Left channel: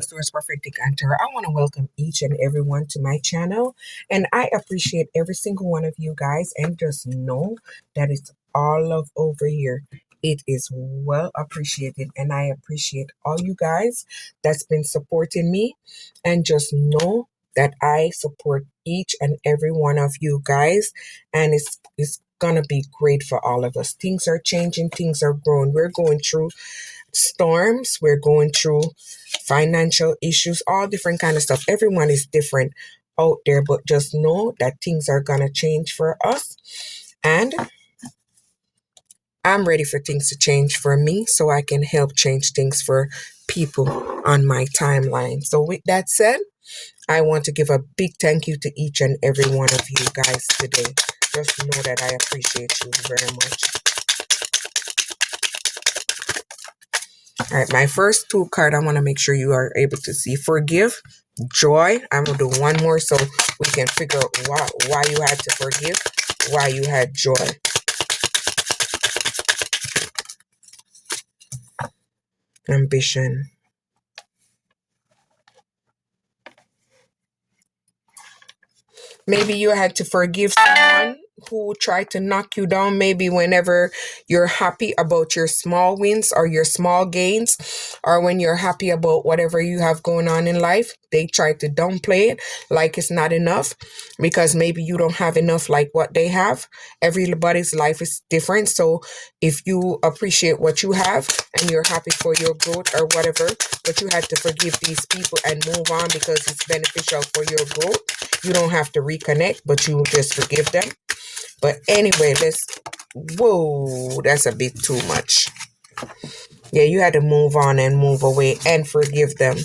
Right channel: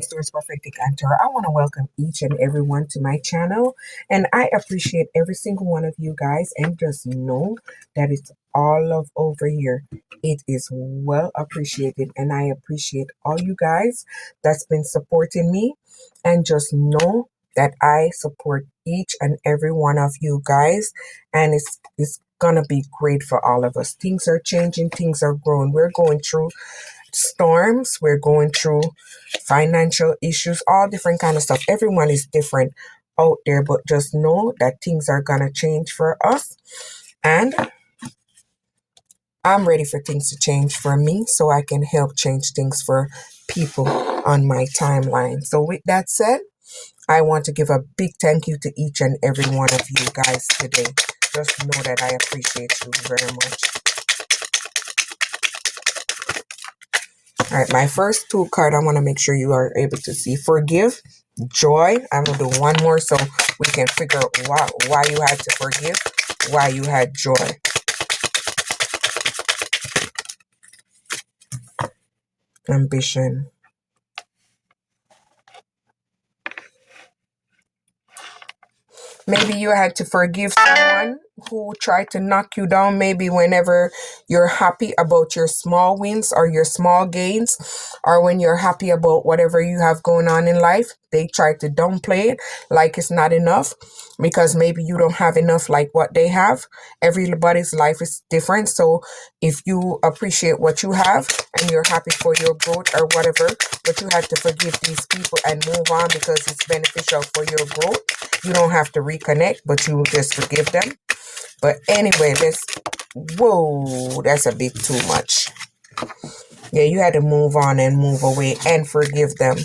Source Prophetic Antar. I want to welcome each and everyone to my channel, and I appreciate every single one of you guys. And just know that it's all love over here. It is well appreciated, and I appreciate all you guys that's been supporting me. And just know that I support each and every one of you guys, and it's gonna be great for all of us. Things are changing, things are growing. We're going through storms, we're going through financial issues, all different kind of stuff. Everyone is different out there, but just know that things are gonna change for us, and I'm ready for things to change for me so I can help change things for people on my timeline. So with that said, I want to give a big thank you to each and every one of you guys today. Just know that I appreciate you very much. All right, my first two card, I want to make sure you are able to see. Forgive, joy. I'm going to do one more so we can figure out why you had to forgive, why you had joy. Ambition. Maybe you had to forgive someone who tried to knock you down. Maybe whenever you're happy about your small wins or your small gains, or when you're happy about whatever you have going on in life, they try to downplay it like it's not enough because maybe you don't have enough like what they have. Everybody's life is different. So if you appreciate what you have and you're happy for your growth or whatever, but you had to forgive these people and move on because it's beneficial for your growth, you don't have to reconnect, but you just forgive them. But anyway, whoa, that's a bit too much. Yeah, you had to move on and move away and forgive them.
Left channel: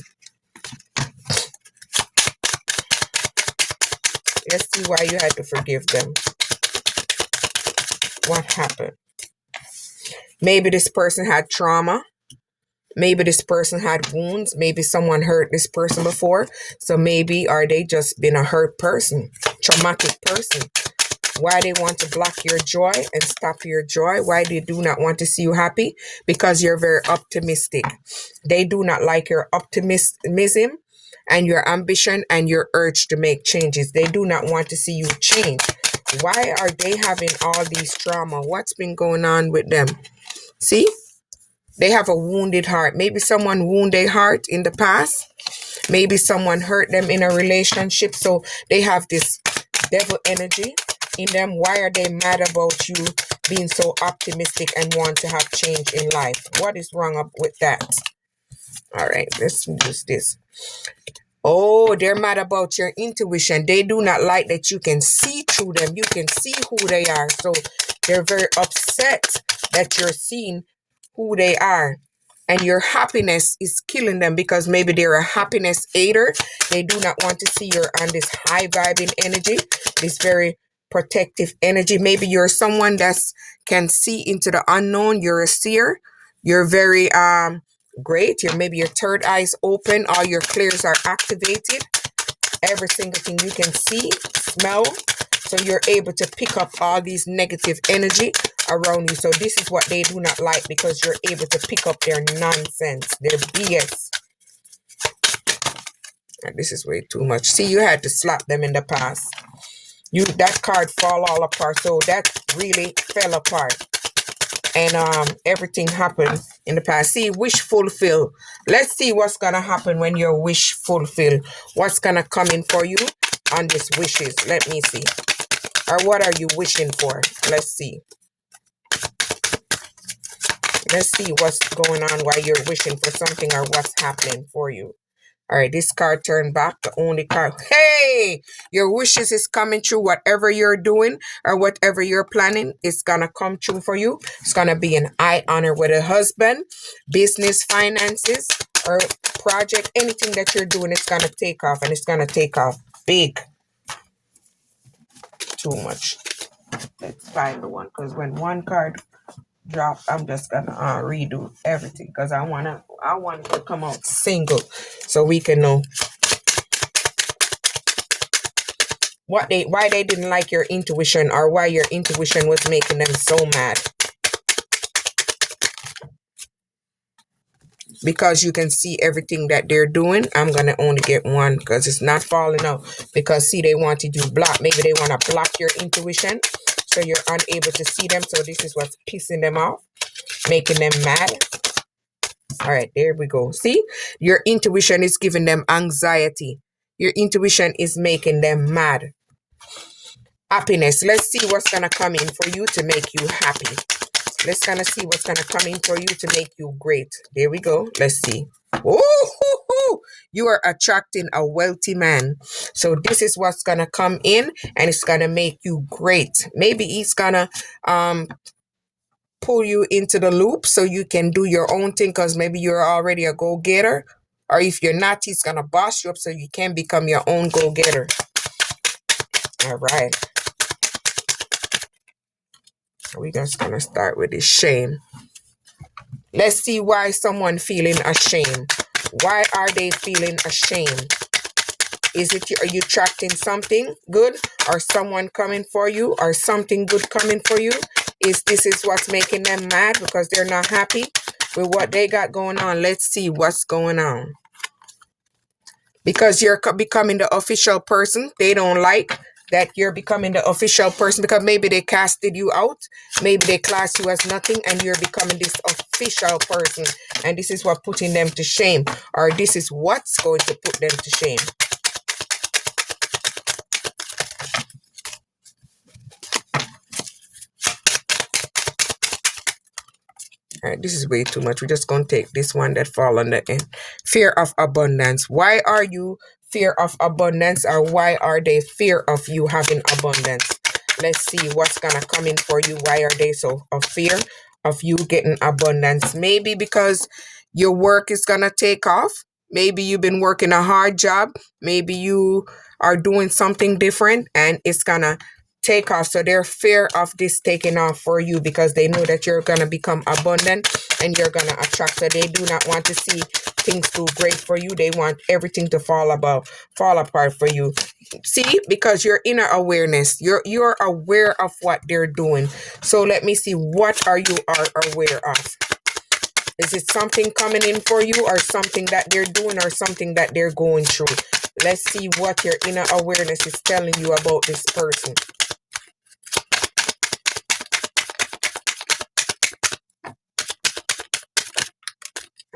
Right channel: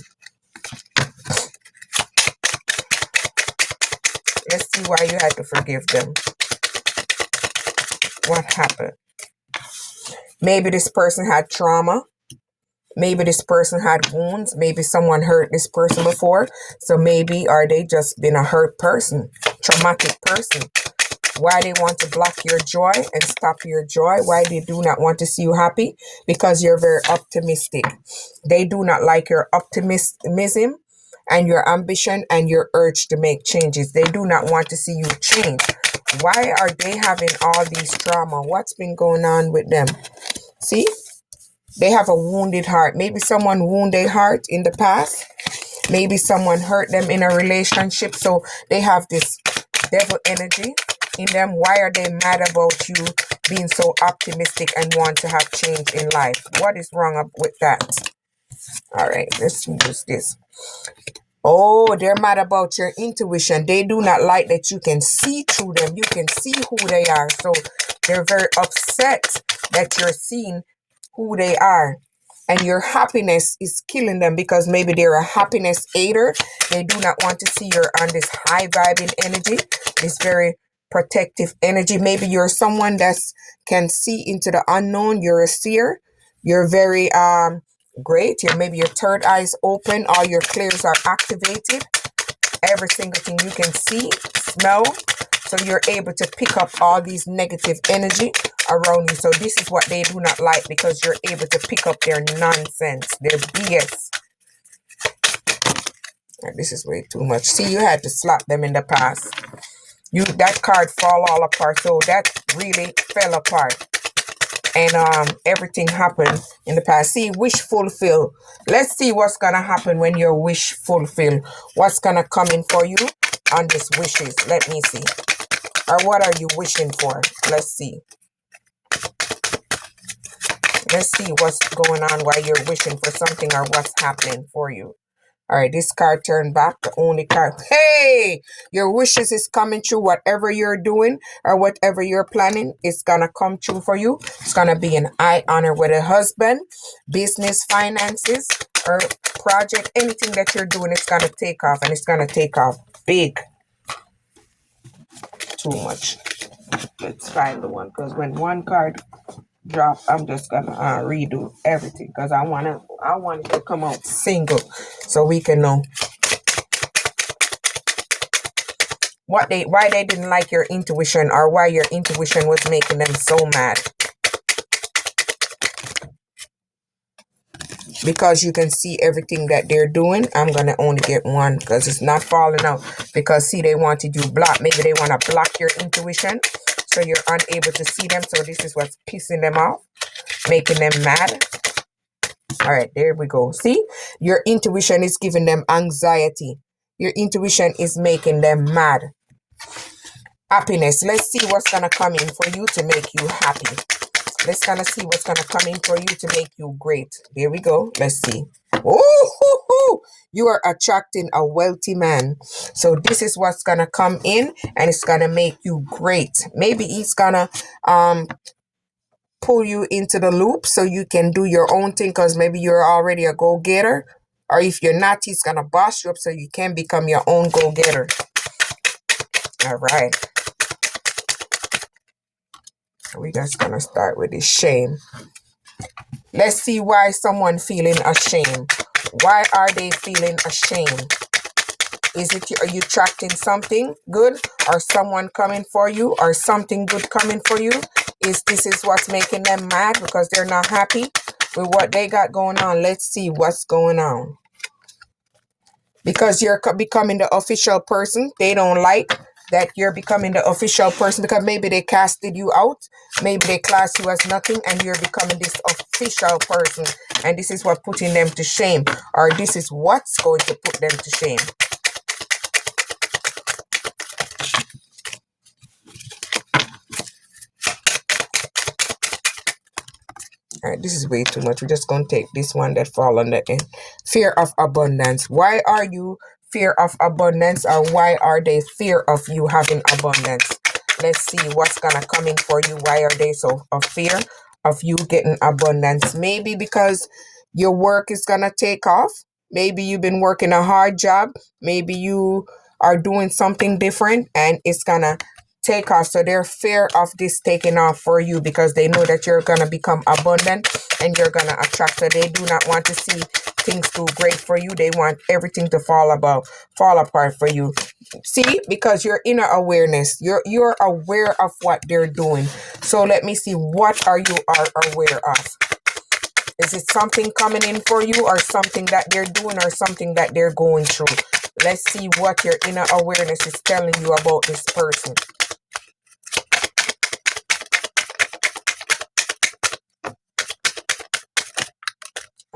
Let's see why you had to forgive them. What happened? Maybe this person had trauma. Maybe this person had wounds. Maybe someone hurt this person before. So maybe are they just been a hurt person, traumatic person? Why they want to block your joy and stop your joy? Why they do not want to see you happy? Because you're very optimistic. They do not like your optimism and your ambition and your urge to make changes. They do not want to see you change. Why are they having all these trauma? What's been going on with them? See? They have a wounded heart. Maybe someone wounded their heart in the past. Maybe someone hurt them in a relationship. So they have this devil energy in them. Why are they mad about you being so optimistic and want to have change in life? What is wrong with that? All right, let's use this. Oh, they're mad about your intuition. They do not like that you can see through them. You can see who they are. So they're very upset that you're seeing who they are. And your happiness is killing them because maybe they're a happiness hater. They do not want to see you're on this high vibing energy, this very protective energy. Maybe you're someone that can see into the unknown. You're a seer. You're very great. Maybe your third eye is open. All your clairs are activated. Every single thing you can see, smell. So you're able to pick up all these negative energy around you. So this is what they do not like because you're able to pick up their nonsense, their BS. And this is way too much. See, you had to slap them in the past. That card fall all apart. So that really fell apart. And everything happened in the past. See, wish fulfill. Let's see what's gonna happen when your wish fulfill. What's gonna come in for you on this wishes? Let me see. Or what are you wishing for? Let's see. Let's see what's going on while you're wishing for something or what's happening for you. All right, this card turned back, the only card. Hey, your wishes is coming true. Whatever you're doing or whatever you're planning, it's going to come true for you. It's going to be an eye honor with a husband, business, finances, or project. Anything that you're doing, it's going to take off, and it's going to take off big. Too much. Let's find the one, because when one card drop, I'm just gonna redo everything because I want it to come out single so we can know why they didn't like your intuition or why your intuition was making them so mad. because you can see everything that they're doing. I'm going to only get one because it's not falling out. Because, see, they wanted you block. Maybe they want to block your intuition, so you're unable to see them. So this is what's pissing them off, making them mad. All right, there we go. See, your intuition is giving them anxiety. Your intuition is making them mad. Happiness. Let's see what's going to come in for you to make you happy. Let's kind of see what's going to come in for you to make you great. There we go. Let's see. Oh, you are attracting a wealthy man. So this is what's going to come in, and it's going to make you great. Maybe he's going to pull you into the loop so you can do your own thing, because maybe you're already a go-getter. Or if you're not, he's going to boss you up so you can become your own go-getter. All right. We're just going to start with this shame. Let's see why someone feeling ashamed. Why are they feeling ashamed? Is it are you attracting something good, or someone coming for you, or something good coming for you? This is what's making them mad because they're not happy with what they got going on. Let's see what's going on. Because you're becoming the official person, they don't like that you're becoming the official person, because maybe they casted you out, maybe they classed you as nothing, and you're becoming this official person, and this is what putting them to shame, or this is what's going to put them to shame. All right, this is way too much. We're just going to take this one that fall under fear of abundance. Why are you fear of abundance, or why are they fear of you having abundance? Let's see what's going to come in for you. Why are they so of fear of you getting abundance? Maybe because your work is going to take off. Maybe you've been working a hard job. Maybe you are doing something different and it's going to take off. So they're fear of this taking off for you because they know that you're going to become abundant and you're going to attract. So they do not want to see things do great for you. They want everything to fall apart for you. See, because your inner awareness, you're aware of what they're doing. So let me see, what are you aware of? Is it something coming in for you, or something that they're doing, or something that they're going through? Let's see what your inner awareness is telling you about this person.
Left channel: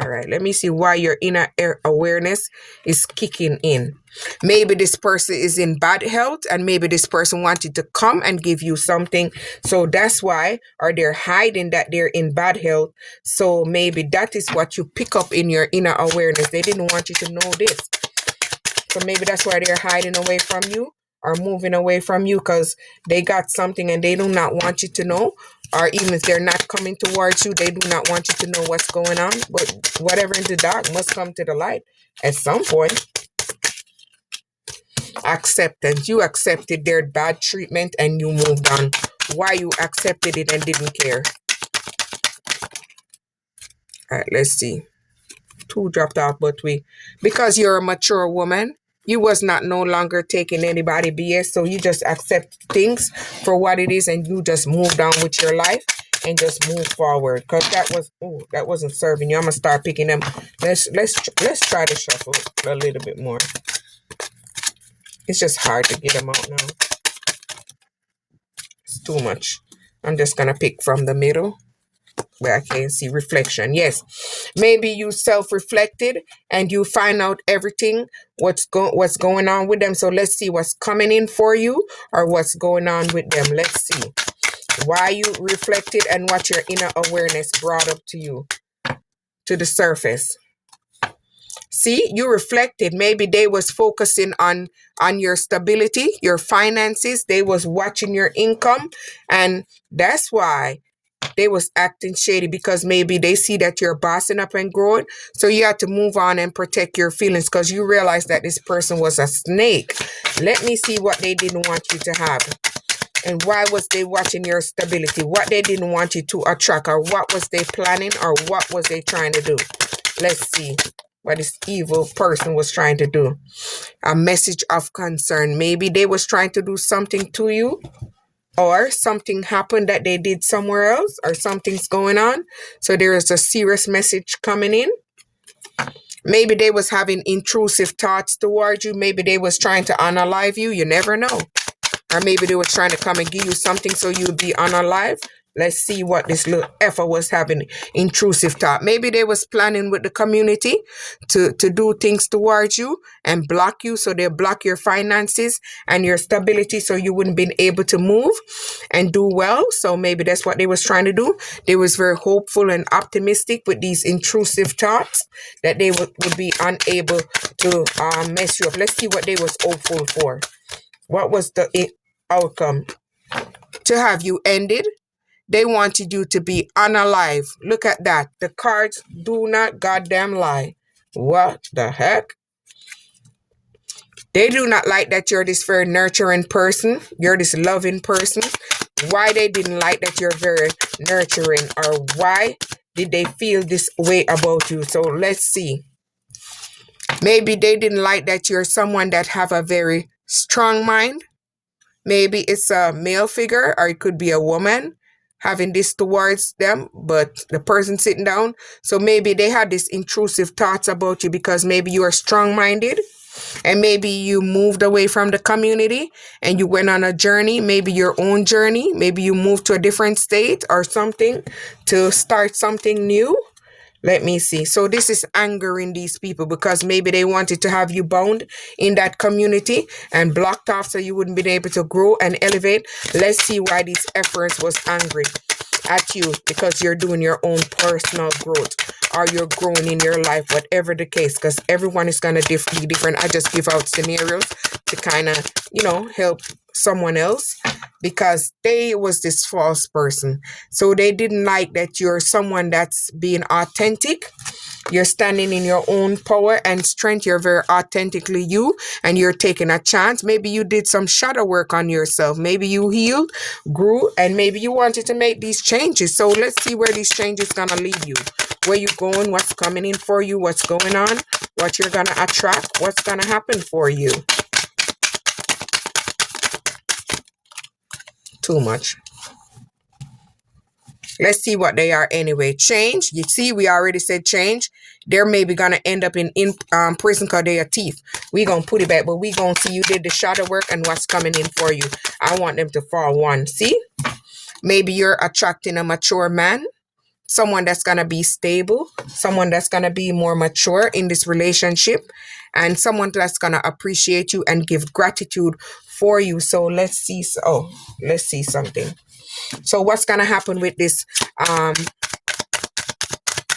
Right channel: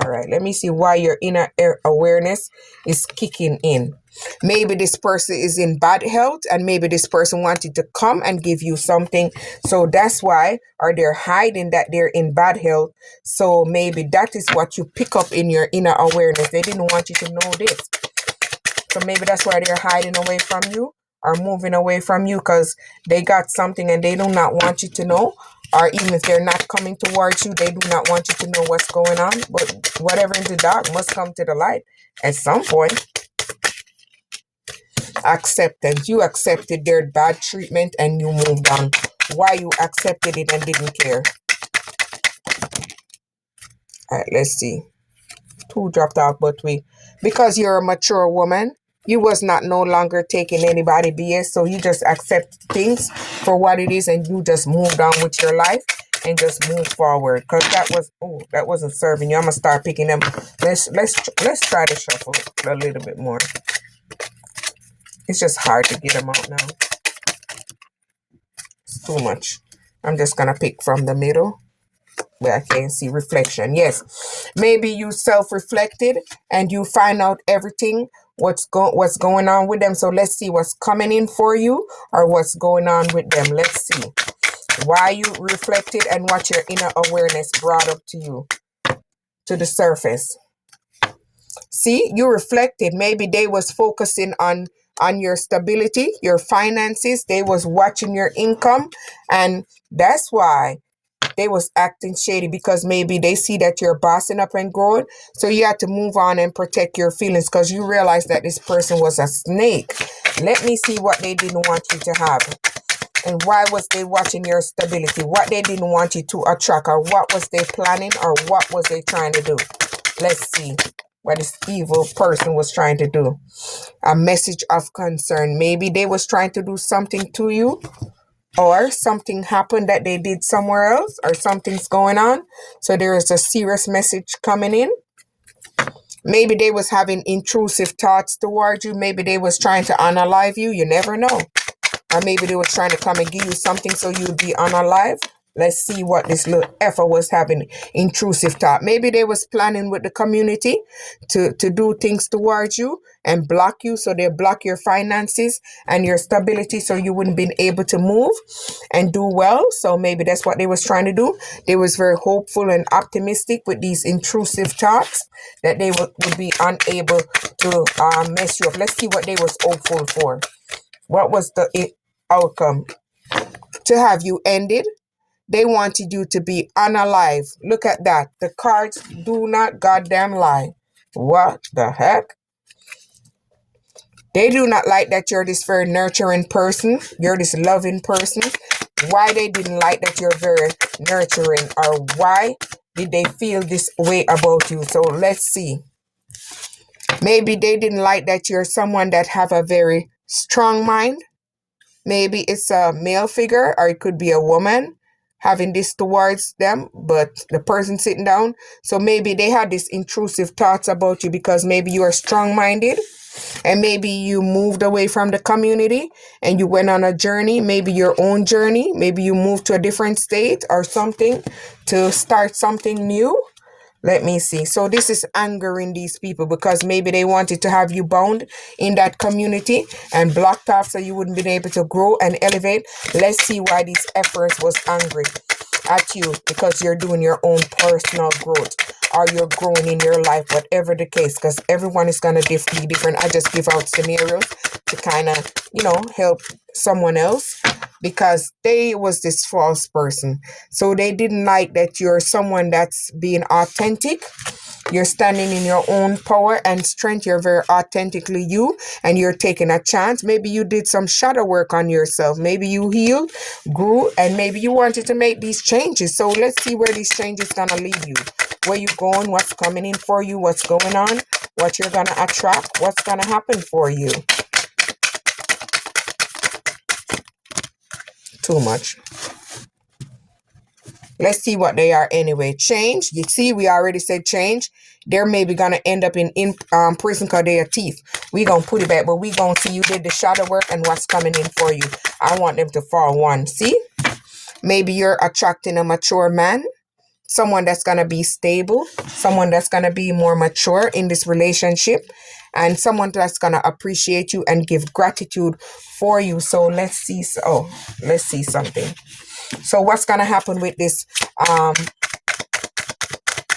All right, let me see why your inner awareness is kicking in. Maybe this person is in bad health, and maybe this person wanted to come and give you something. So that's why, or they're hiding that they're in bad health. So maybe that is what you pick up in your inner awareness. They didn't want you to know this. So maybe that's why they're hiding away from you or moving away from you, because they got something and they do not want you to know. Or even if they're not coming towards you, they do not want you to know what's going on. But whatever in the dark must come to the light at some point. Acceptance. You accepted their bad treatment and you moved on. Why you accepted it and didn't care? All right, let's see. 2 dropped out, but because you're a mature woman, you was not no longer taking anybody BS, so you just accept things for what it is and you just moved on with your life and just move forward. Because that wasn't serving you. I'm gonna start picking them. Let's try to shuffle a little bit more. It's just hard to get them out now. It's too much. I'm just gonna pick from the middle where I can see reflection. Yes, maybe you self-reflected and you find out everything what's going on with them. So let's see what's coming in for you or what's going on with them. Let's see why you reflected and what your inner awareness brought up to you, to the surface. See, you reflected. Maybe they was focusing on your stability, your finances. They was watching your income, and that's why they was acting shady, because maybe they see that you're bossing up and growing. So you had to move on and protect your feelings because you realized that this person was a snake. Let me see what they didn't want you to have. And why was they watching your stability? What they didn't want you to attract, or what was they planning, or what was they trying to do? Let's see what this evil person was trying to do. A message of concern. Maybe they was trying to do something to you, or something happened that they did somewhere else, or something's going on. So there is a serious message coming in. Maybe they was having intrusive thoughts toward you. Maybe they was trying to unalive you. You never know. Or maybe they were trying to come and give you something so you'd be unalive. Let's see what this little effer was having intrusive thought. Maybe they was planning with the community to do things towards you and block you. So they block your finances and your stability so you wouldn't be able to move and do well. So maybe that's what they was trying to do. They was very hopeful and optimistic with these intrusive thoughts that they would be unable to mess you up. Let's see what they was hopeful for. What was the outcome? To have you ended. They wanted you to be unalive. Look at that. The cards do not goddamn lie. What the heck? They do not like that you're this very nurturing person. You're this loving person. Why they didn't like that you're very nurturing, or why did they feel this way about you? So let's see. Maybe they didn't like that you're someone that have a very strong mind. Maybe it's a male figure, or it could be a woman having this towards them, but the person sitting down. So maybe they had these intrusive thoughts about you because maybe you are strong-minded and maybe you moved away from the community and you went on a journey, maybe your own journey. Maybe you moved to a different state or something to start something new. Let me see. So this is angering these people because maybe they wanted to have you bound in that community and blocked off so you wouldn't be able to grow and elevate. Let's see why these efforts was angry at you, because you're doing your own personal growth or you're growing in your life, whatever the case, because everyone is going to be different. I just give out scenarios to kind of, help someone else, because they was this false person. So they didn't like that you're someone that's being authentic. You're standing in your own power and strength. You're very authentically you, and you're taking a chance. Maybe you did some shadow work on yourself. Maybe you healed, grew, and maybe you wanted to make these changes. So let's see where these changes gonna lead you. Where you going, what's coming in for you, what's going on, what you're gonna attract, what's gonna happen for you. Too much. Let's see what they are anyway. Change. You see, we already said change. They're maybe going to end up in prison because they are thief. We're going to put it back, but we're going to see you did the shadow work and what's coming in for you. I want them to fall one. See? Maybe you're attracting a mature man. Someone that's going to be stable. Someone that's going to be more mature in this relationship. And someone that's going to appreciate you and give gratitude for you. So let's see. Let's see something. So what's going to happen with this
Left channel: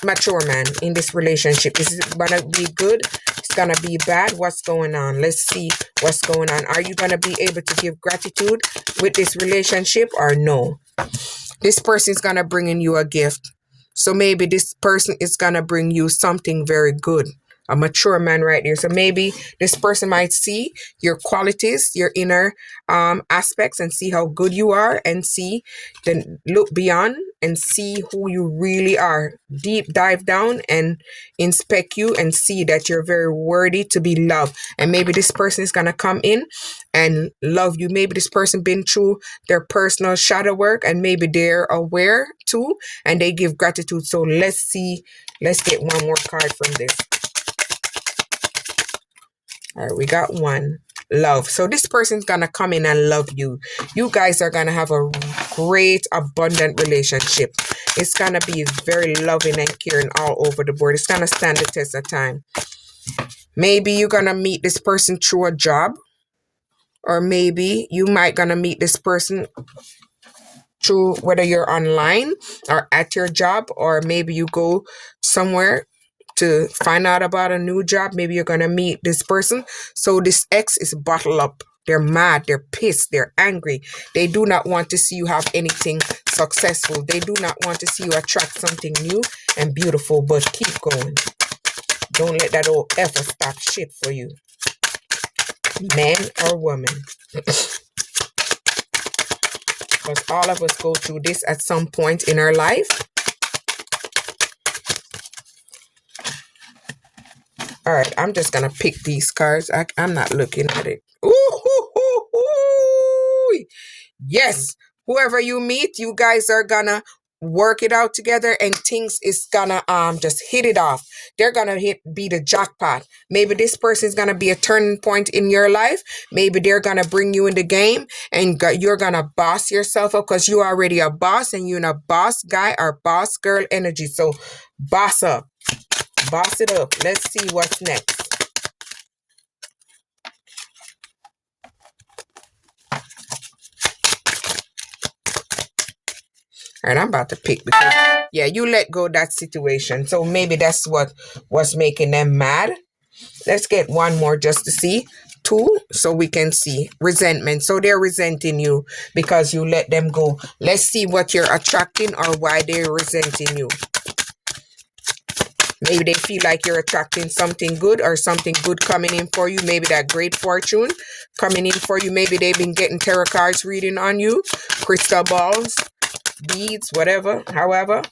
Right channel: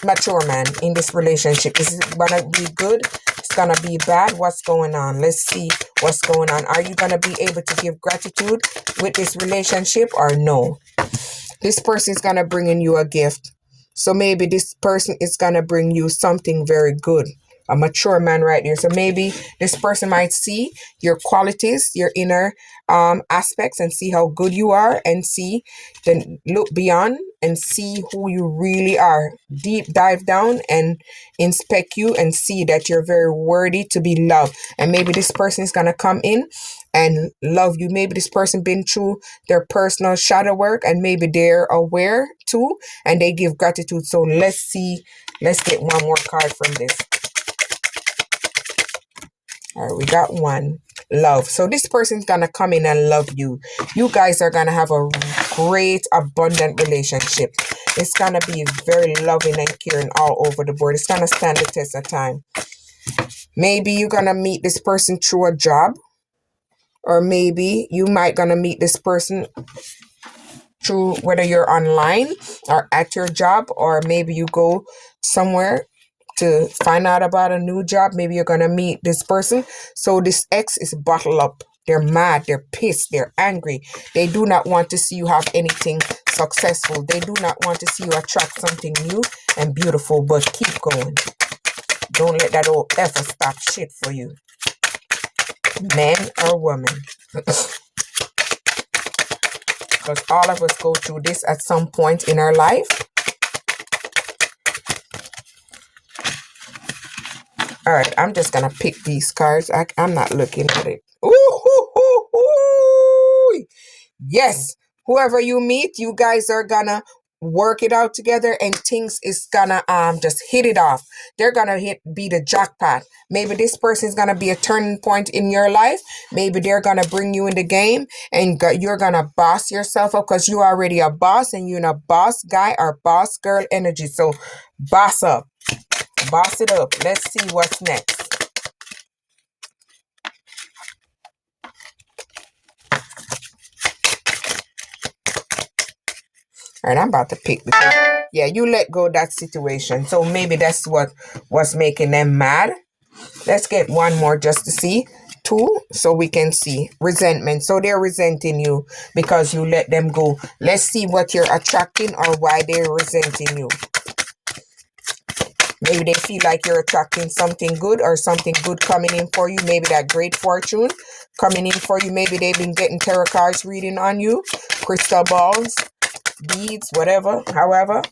mature man in this relationship? Is it going to be good? It's going to be bad? What's going on? Let's see what's going on. Are you going to be able to give gratitude with this relationship or no? This person is going to bring in you a gift. So maybe this person is going to bring you something very good. A mature man right here. So maybe this person might see your qualities, your inner aspects, and see how good you are, and then look beyond and see who you really are. Deep dive down and inspect you and see that you're very worthy to be loved. And maybe this person is going to come in and love you. Maybe this person been through their personal shadow work and maybe they're aware too and they give gratitude. So let's see. Let's get one more card from this. All right, we got one. Love. So this person's going to come in and love you. You guys are going to have a great, abundant relationship. It's going to be very loving and caring all over the board. It's going to stand the test of time. Maybe you're going to meet this person through a job. Or maybe you might going to meet this person through whether you're online or at your job. Or maybe you go somewhere to find out about a new job. Maybe you're going to meet this person. So this ex is bottled up. They're mad. They're pissed. They're angry. They do not want to see you have anything successful. They do not want to see you attract something new and beautiful. But keep going. Don't let that old ever stop shit for you. Man or woman. Because all of us go through this at some point in our life. All right, I'm just going to pick these cards. I'm not looking at it. Ooh. Yes. Whoever you meet, you guys are going to work it out together, and things is gonna just hit it off. They're gonna be the jackpot. Maybe this person is gonna be a turning point in your life. Maybe they're gonna bring you in the game, and you're gonna boss yourself up because you're already a boss, and you're in a boss guy or boss girl energy. So boss up, boss it up. Let's see what's next. And I'm about to pick because, yeah, you let go that situation. So maybe that's what was making them mad. Let's get one more just to see. 2, so we can see resentment. So they're resenting you because you let them go. Let's see what you're attracting or why they're resenting you. Maybe they feel like you're attracting something good or something good coming in for you. Maybe that great fortune coming in for you. Maybe they've been getting tarot cards reading on you, crystal balls, beads, whatever, however.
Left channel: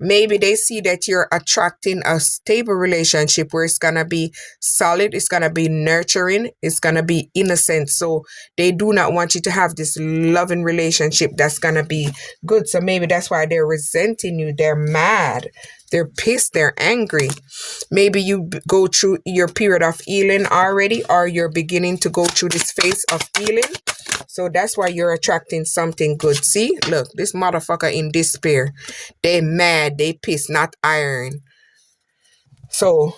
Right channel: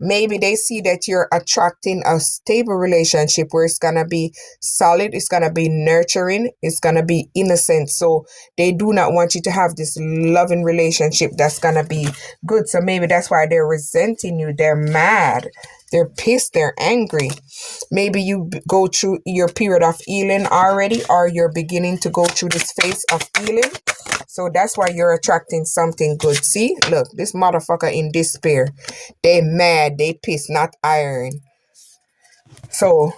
Maybe they see that you're attracting a stable relationship where it's going to be solid, it's going to be nurturing, it's going to be innocent. So they do not want you to have this loving relationship that's going to be good. So maybe that's why they're resenting you. They're mad. They're pissed. They're angry. Maybe you go through your period of healing already, or you're beginning to go through this phase of healing. So that's why you're attracting something good. See, look, this motherfucker in despair. They mad, they pissed, not iron. So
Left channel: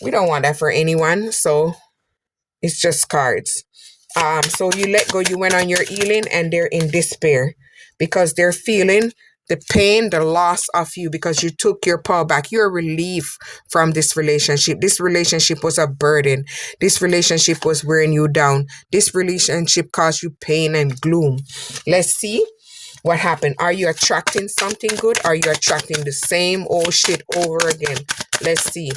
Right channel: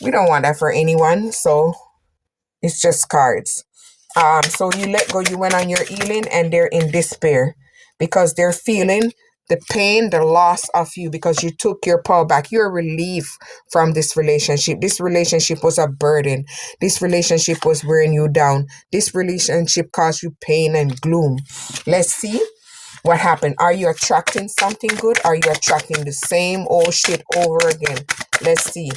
we don't want that for anyone. So it's just cards. So you let go, you went on your healing, and they're in despair because they're feeling the pain, the loss of you because you took your power back. You're relief from this relationship. This relationship was a burden. This relationship was wearing you down. This relationship caused you pain and gloom. Let's see what happened. Are you attracting something good? Are you attracting the same old shit over again? Let's see.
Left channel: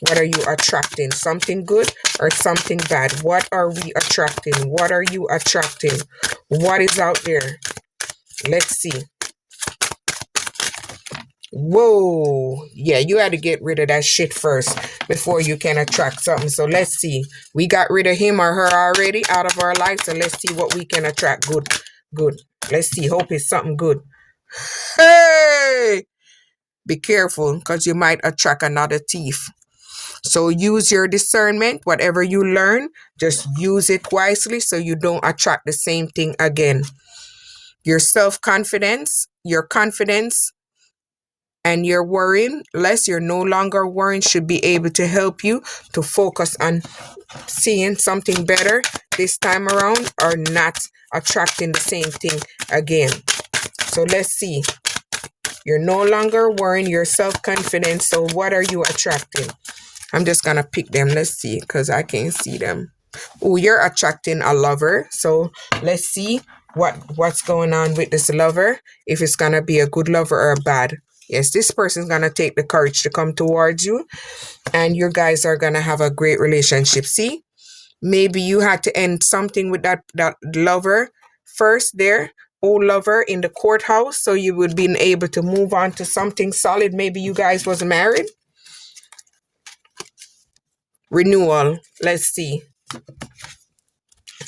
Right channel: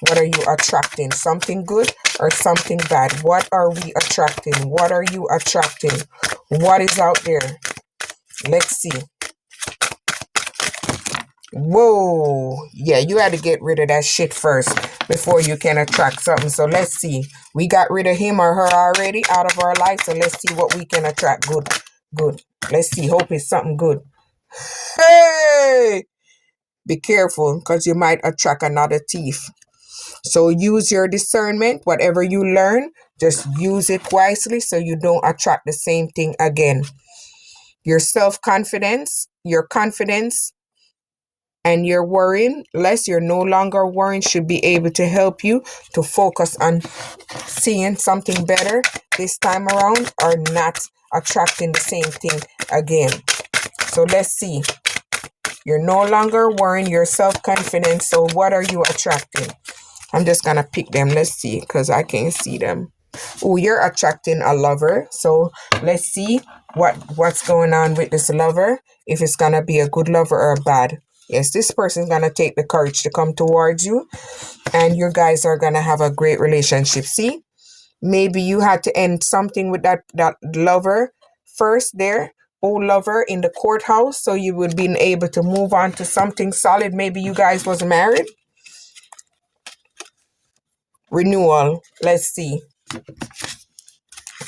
What are you attracting? Something good or something bad? What are we attracting? What are you attracting? What is out there? Let's see. Whoa. Yeah, you had to get rid of that shit first before you can attract something. So let's see. We got rid of him or her already out of our life. So let's see what we can attract. Good. Good. Let's see. Hope it's something good. Hey! Be careful because you might attract another thief. So use your discernment. Whatever you learn, just use it wisely so you don't attract the same thing again. Your self-confidence, your confidence, and your worrying less, you're no longer worrying, should be able to help you to focus on seeing something better this time around or not attracting the same thing again. So let's see. You're no longer worrying, your self-confidence. So what are you attracting? I'm just going to pick them. Let's see because I can't see them. Oh, you're attracting a lover. So let's see what's going on with this lover. If it's going to be a good lover or a bad. Yes, this person's going to take the courage to come towards you. And you guys are going to have a great relationship. See? Maybe you had to end something with that lover first there. Old lover in the courthouse. So you would be able to move on to something solid. Maybe you guys was married. Renewal. Let's see.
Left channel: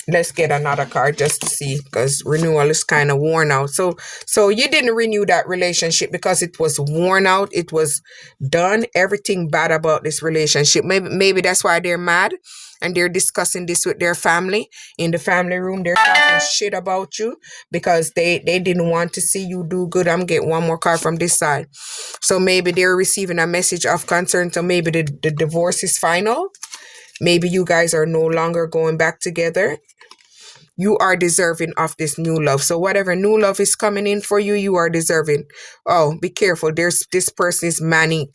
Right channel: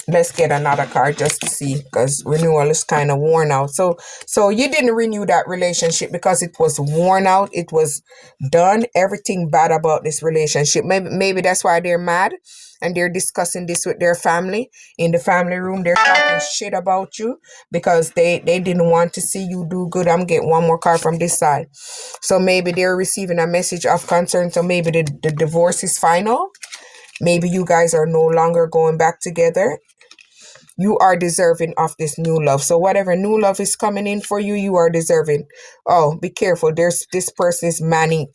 Let's get another card just to see because renewal is kind of worn out. So you didn't renew that relationship because it was worn out. It was done. Everything bad about this relationship. Maybe that's why they're mad and they're discussing this with their family. In the family room, they're talking shit about you because they didn't want to see you do good. I'm getting one more card from this side. So maybe they're receiving a message of concern. So maybe the divorce is final. Maybe you guys are no longer going back together. You are deserving of this new love. So whatever new love is coming in for you, you are deserving. Oh, be careful. This person is manic.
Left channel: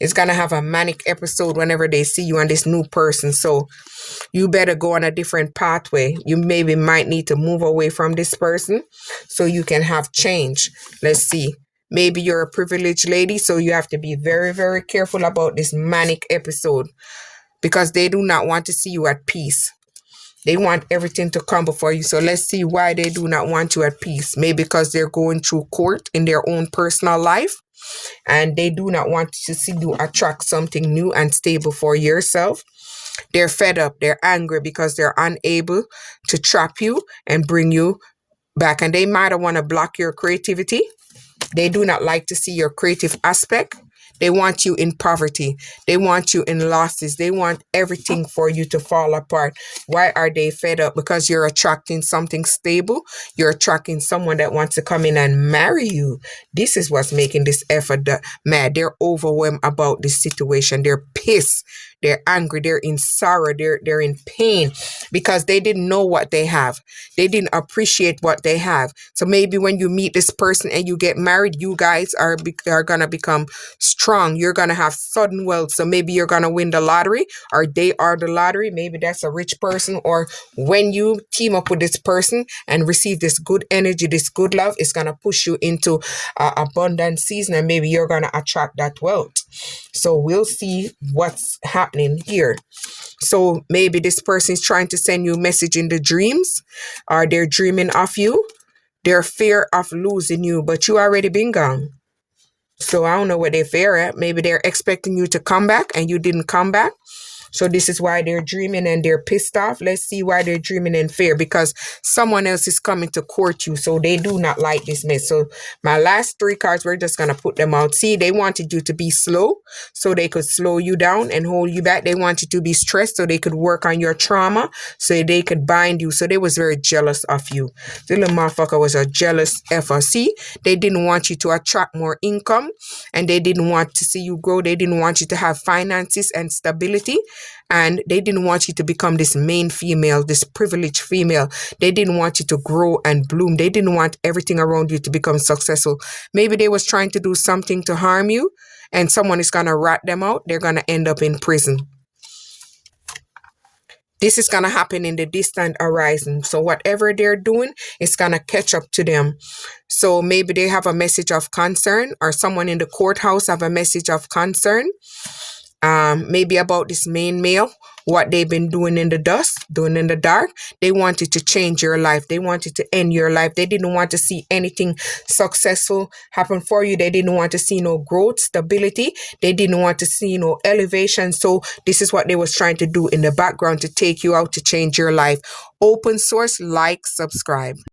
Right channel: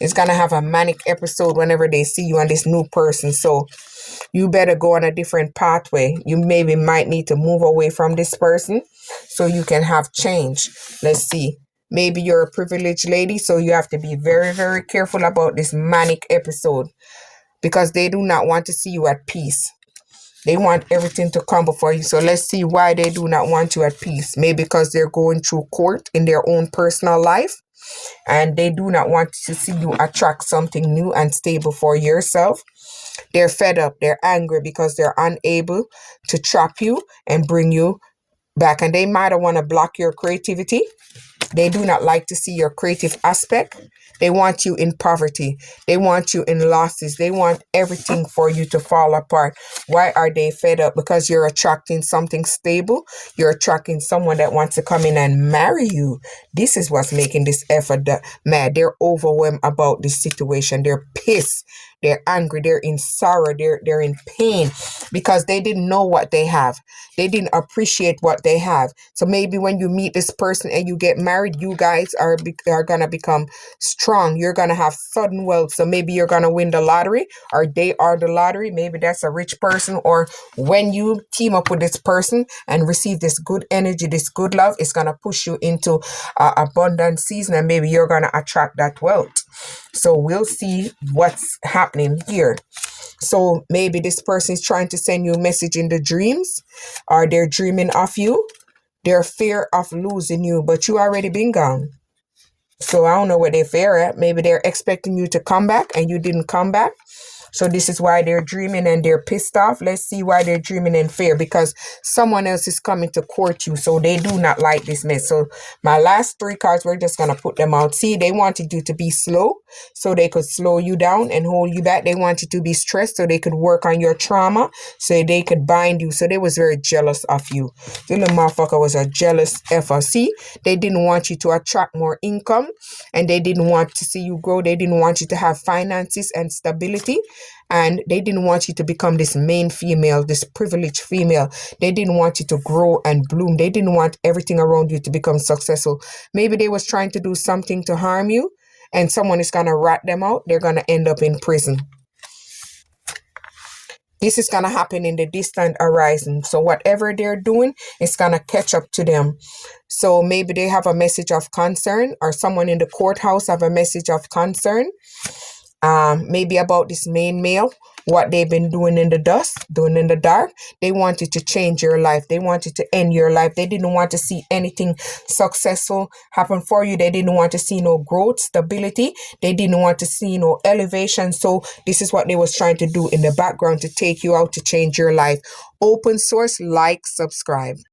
It's going to have a manic episode whenever they see you and this new person. So you better go on a different pathway. You maybe might need to move away from this person so you can have change. Let's see. Maybe you're a privileged lady, so you have to be very, very careful about this manic episode because they do not want to see you at peace. They want everything to crumble for you. So let's see why they do not want you at peace. Maybe because they're going through court in their own personal life and they do not want to see you attract something new and stable for yourself. They're fed up. They're angry because they're unable to trap you and bring you back. And they might want to block your creativity. They do not like to see your creative aspect. They want you in poverty. They want you in losses. They want everything for you to fall apart. Why are they fed up? Because you're attracting something stable. You're attracting someone that wants to come in and marry you. This is what's making this effort mad. They're overwhelmed about this situation. They're pissed. They're angry. They're in sorrow. They're in pain because they didn't know what they have. They didn't appreciate what they have. So maybe when you meet this person and you get married, you guys are going to become strong. You're going to have sudden wealth. So maybe you're going to win the lottery, or they are the lottery. Maybe that's a rich person. Or when you team up with this person and receive this good energy, this good love, it's going to push you into abundant season, and maybe you're going to attract that wealth. So we'll see what's happening here. So maybe this person is trying to send you a message in the dreams, or they're dreaming of you. They're fear of losing you, but you already been gone. So I don't know what they fear at. Maybe they're expecting you to come back and you didn't come back. So this is why they're dreaming and they're pissed off. Let's see why they're dreaming in fear, because someone else is coming to court you. So they do not like this mess. So my last 3 cards, we're just going to put them out. See, they wanted you to be slow so they could slow you down and hold you back. They wanted to be stressed so they could work on your trauma, so they could bind you. So they was very jealous of you. The little motherfucker was a jealous effer. See, they didn't want you to attract more income, and they didn't want to see you grow. They didn't want you to have finances and stability. And they didn't want you to become this main female, this privileged female. They didn't want you to grow and bloom. They didn't want everything around you to become successful. Maybe they was trying to do something to harm you, and someone is going to rat them out. They're going to end up in prison. This is going to happen in the distant horizon. So whatever they're doing, it's going to catch up to them. So maybe they have a message of concern, or someone in the courthouse have a message of concern. Maybe about this main male, what they've been doing in the dust, doing in the dark. They wanted to change your life. They wanted to end your life. They didn't want to see anything successful happen for you. They didn't want to see no growth, stability. They didn't want to see no elevation. So this is what they was trying to do in the background, to take you out, to change your life. Open source, like, subscribe.